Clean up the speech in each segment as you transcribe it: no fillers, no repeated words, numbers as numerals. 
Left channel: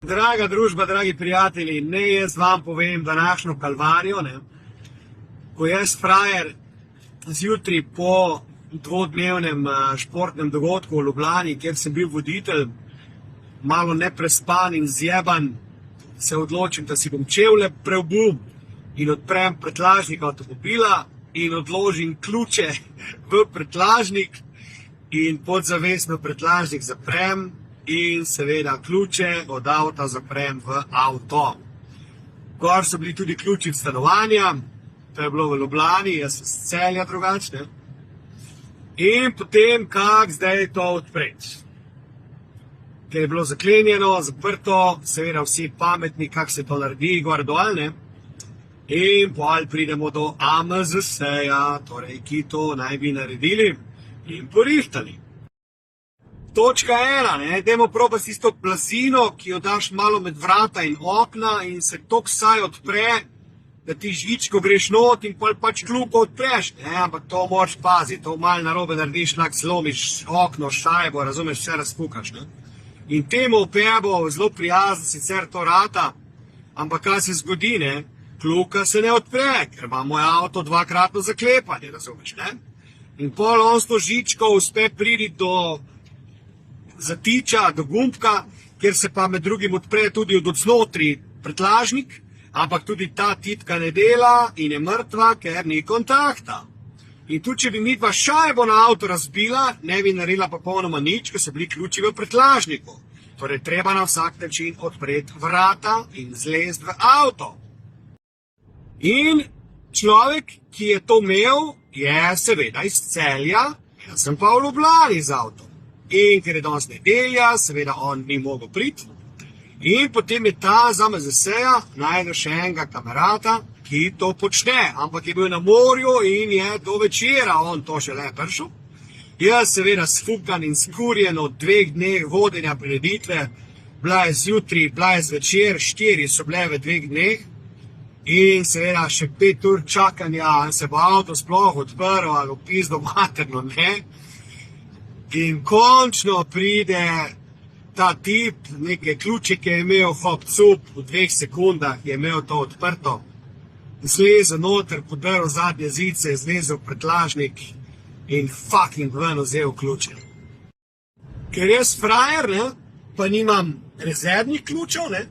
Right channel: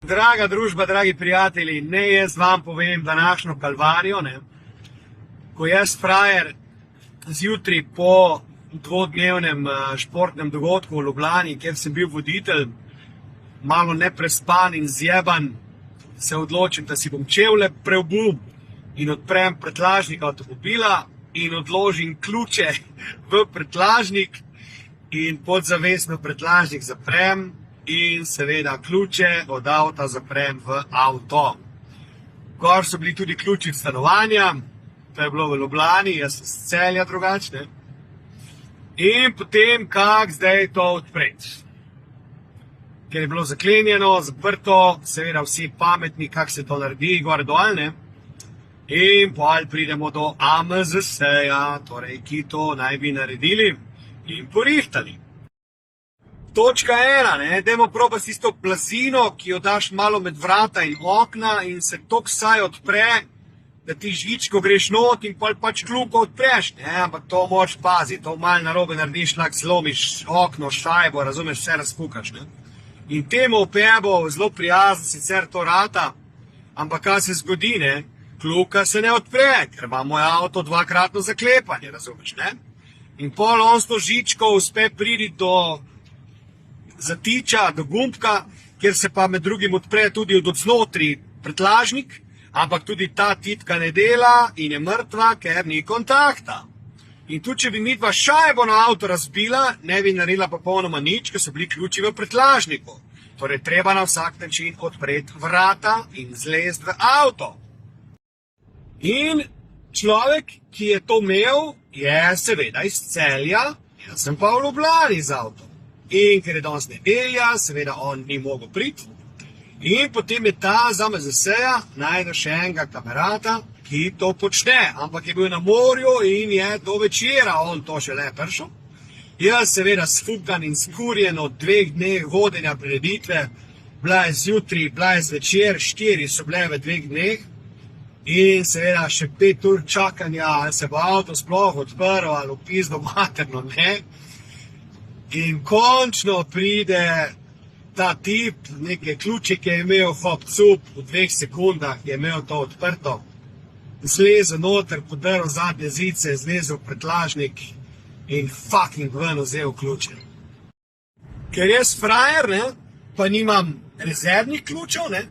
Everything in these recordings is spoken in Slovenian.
Draga družba, dragi prijatelji, ne jaz vam povem današnjo kalvarijo, ne. Ko jaz frajer zjutraj po dvodnevnem športnem dogodku v Ljubljani, kjer sem bil voditelj, malo neprespan in zjeban, se odločim, da si bom čevlje preobul in odprem prtljažnik avtomobila in odložim ključe v prtljažnik in podzavestno prtljažnik zaprem in seveda ključe od avta zaprem v avto. Gor so bili tudi ključi stanovanja, to je bilo v Ljubljani, jaz sem s Celja drugačne. In potem, kak zdaj to odpreti. Ker je bilo zaklenjeno, zaprto, seveda vsi pametni, kak se to naredi, gor dol, ne. In potem pridemo do AMZS-ja, torej, ki to naj bi naredili in porihtali. Točka 1, ne, dajmo probati tisto plasino, ki jo daš malo med vrata in okna in se tok saj odpre, da ti žičko greš not in pač kljuko odpreš, ne, ampak to moraš paziti, to malo narobe narediš, lahko slomiš okno, šajbo, razumeš, vse razpukaš, ne. In temu opebo zelo prijazno sicer to rata, ampak kaj se zgodi, ne, kljuka se ne odpre, ker ima moj avto dvakratno zaklepanje, razumeš, ne. In pol on s to žičko uspe priti do zatiča, do gumbka, kjer se pa med drugim odpre tudi od odznotraj prtljažnik, ampak tudi ta titka ne dela in je mrtva, ker ni kontakta. In tudi, če bi midva šajbo na avto razbila, ne bi naredila popolnoma nič, ker so bili ključi v prtljažniku. Torej, treba na vsak način odpreti vrata in zlezti v avto. In človek, ki je to imel, je seveda iz Celja, jaz sem pa v Ljubljani z avtom. In ker je danes nedelja, seveda on ni mogel priti. In potem je ta z AMZS-ja najdel še enega kamerata, ki to počne. Ampak je bil na morju in je do večera on to šele prišel. Jaz seveda sfukan in skurjen od 2 dneh vodenja prireditve, bila je zjutraj, bila je zvečer, 4 so bile v 2 dneh. In seveda še 5 ur čakanja, ali se bo avto sploh odprl, ali v pizdo materno, ne. In končno pride ta tip, neke ključike je imel, hop cup, v 2 sekundah je imel to odprto. Zlezel noter, podrl zadnje zice, zlezel prtljažnik in fucking ven vzel ključe. Ker jaz frajer, ne, pa nimam rezervnih ključev, ne,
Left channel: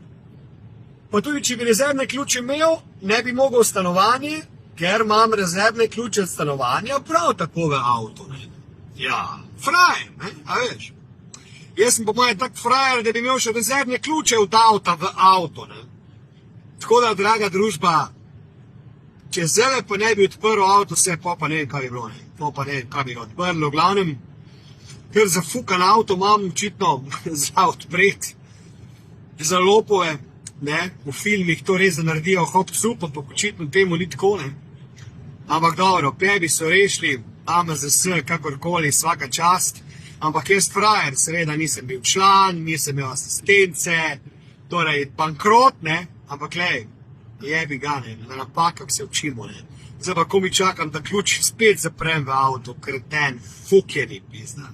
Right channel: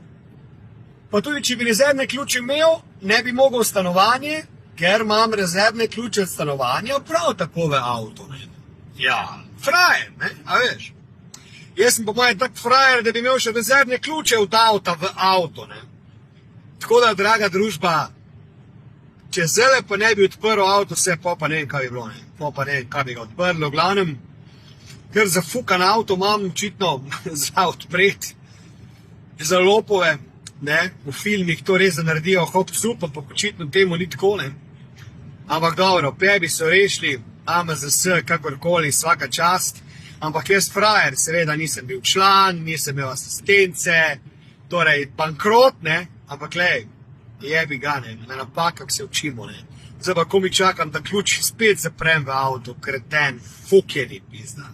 pa tudi, če bi rezervne ključe imel, ne bi mogel v stanovanje, ker imam rezervne ključe od stanovanja prav tako v avto, ne. Ja, frajer, ne, a veš. Jaz sem po mojem tak frajer, da bi imel še rezervne ključe od avta v avto, ne. Tako da, draga družba, če zdaj pa ne bi odprl avto, vse pa ne vem, kaj bi bilo, ne. Pa ne vem, kaj bi ga odprlo, v glavnem, ker zafukan avto imam očitno za odpreti, za lopove, ne, v filmih to res naredijo hop cup, ampak očitno temu ni tako, ne. Ampak dobro, pebi so rešili, AMZS, kakorkoli, svaka čast, ampak jaz frajer, seveda nisem bil član, nisem imel asistence, torej bankrot, ne, ampak lej, jebi ga, ne, na napakah se učimo, ne. Zdaj pa, ko mi čakam, da ključ spet zaprem v avto, kreten, fukjeni pizda.